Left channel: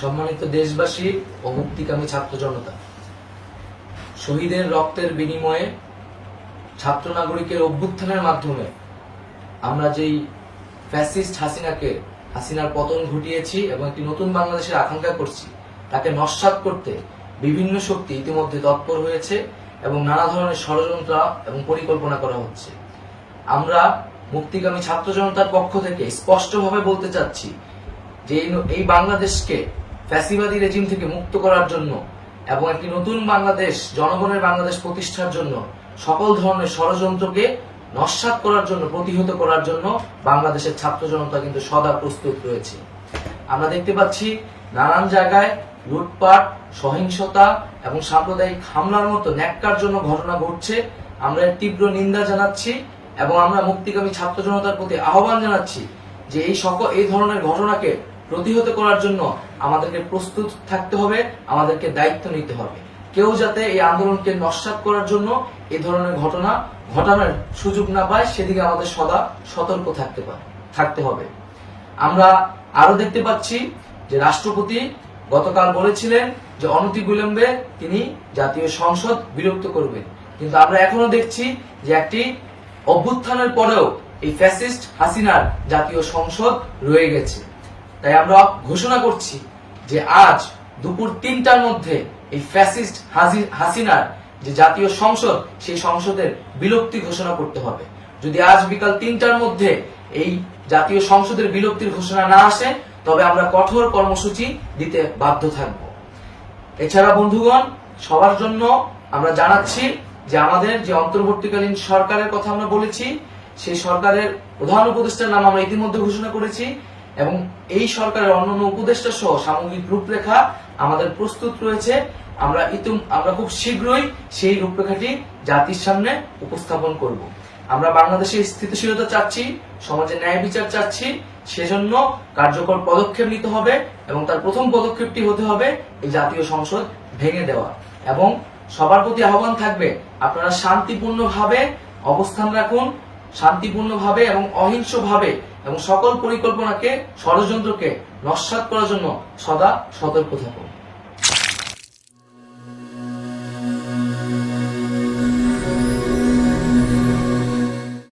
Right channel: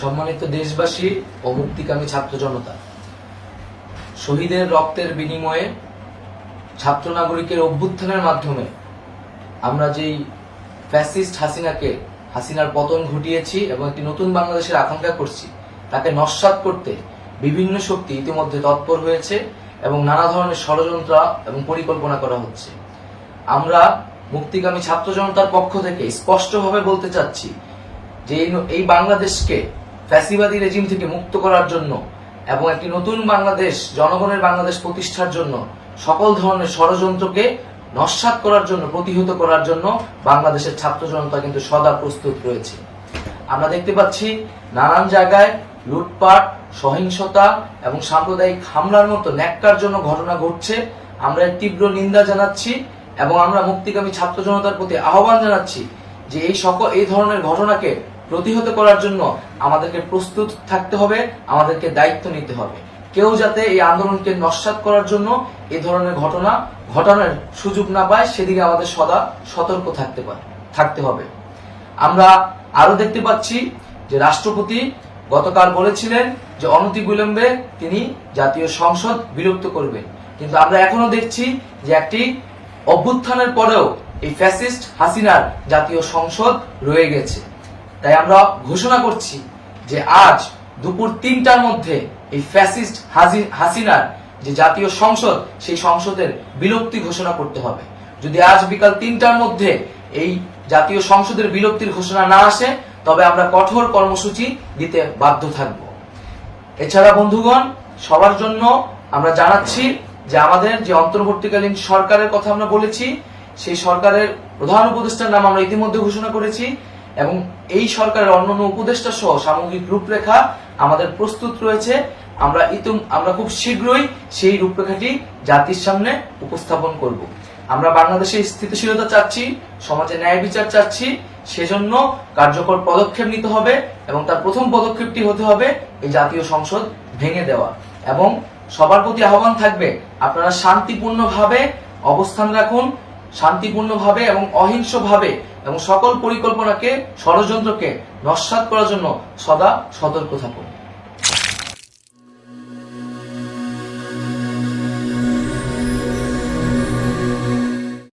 সম্মানিত দেশবাসী ও মুক্তিকামী ছাত্র জনতা, শহীদের রক্তের বিনিময়ে ছাত্র নাগরিকের অভ্যুত্থানের মাধ্যমে আমরা যেই ফ্যাসিস্ট হাসিনার পতন ঘটিয়েছি এবং একটি নতুন বাংলাদেশের আকাঙ্ক্ষা করছি, তাকে নস্যাৎ করতে বিভিন্ন শক্তি ইতিমধ্যে তৎপর হয়েছে এবং নানা ধরনের ষড়যন্ত্র এবং পরিকল্পনা করা হচ্ছে। আমরা মুক্তিকামী ছাত্র জনতার পক্ষ থেকে স্পষ্টভাবে বলতে চাচ্ছি যে এই বাংলাদেশকে ফ্যাসিবাদী রেজিম থেকে মুক্ত করার জন্য এবং একটি নতুন বাংলাদেশ, জনগণের বাংলাদেশ প্রতিষ্ঠার জন্য সকল ধরনের ষড়যন্ত্রকে নস্যাৎ করার জন্য, প্রতিহত করার জন্য বাংলাদেশের ছাত্র জনতা কিন্তু সদা প্রস্তুত রয়েছে। আমরা দেখতে পাচ্ছি নানান জায়গায় লুটপাট, সহিংসতা এবং সাম্প্রদায়িক হামলার মতো ন্যাক্কারজনক ঘটনা ঘটছে। আমরা এর তীব্র নিন্দা জানাচ্ছি এবং আমরা মুক্তিকামী ছাত্র জনতার প্রতি আহ্বান জানাচ্ছি যে এই ধরনের ঘটনাকে প্রতিহত করার জন্য আমাদেরকে প্রস্তুত থাকতে হবে, আমাদেরকে দায়িত্ব নিতে হবে। কেউ যাতে এই আন্দোলনকে নস্যাৎ করার জন্য এই ধরনের ঘটনা ঘটানোর সুযোগ না পায়, সেদিকে আমাদের সদা সতর্ক থাকতে হবে। আমরা আরো দেখতে পাচ্ছি যে রাষ্ট্রপতি গতকাল বলেছিলেন যে অনতিবিলম্বে তিনি জাতীয় সংসদ বিলুপ্ত করবেন, কিন্তু আমরা এখনো দেখছি যে একটি অভ্যুত্থানের পরেও এই ফ্যাসিস্ট হাসিনার জাতীয় সংসদ রয়ে গেছে। তাই আমরা ঘোষণা করছি যে আজ দুপুর ৩টার মধ্যে এই ফ্যাসিস্ট হাসিনার যে জাতীয় সংসদ, সেই সংসদের বিলুপ্তি ঘোষণা করতে হবে। যদি আজ বিকাল ৩টার মধ্যে এই জাতীয় সংসদের বিলুপ্তির ঘোষণা না আসে, তবে আমরা কঠোর কর্মসূচি দিতে বাধ্য থাকব। এছাড়া বন্ধুগণ, সবার জন্য আমরা জানাচ্ছি যে আমাদের যে অন্তর্বর্তীকালীন সরকারের কথা আমরা বলেছি, সেই সরকারের প্রধান উপদেষ্টার নাম আমরা ইতিমধ্যে ঘোষণা করেছি এবং এই সরকারের অন্যান্য উপদেষ্টা সহ সামগ্রিক রূপরেখা আমাদের প্রস্তুত রয়েছে। আমরা খুব শীঘ্রই সেই রূপরেখাটি জাতির সামনে উপস্থাপন করব। আমরা বাংলাদেশে স্থিতিশীলতা চাচ্ছি, সমাজে ন্যায় বিচার চাচ্ছি, সেজন্য কার্যকর পদক্ষেপ নিতে হবে এবং তার প্রথম পদক্ষেপটি হতে হবে এই জাতীয় সংসদ ভেঙে দেওয়া। এবং সবার প্রতি আহ্বান থাকবে, আপনারা শান্তিপূর্ণভাবে অবস্থান রাখুন, শান্তিপূর্ণভাবে এবং অহিংসভাবে, এবং সকল পরিকল্পনাকে, ষড়যন্ত্রকে নস্যাৎ করার জন্য সদা সতর্ক থাকুন।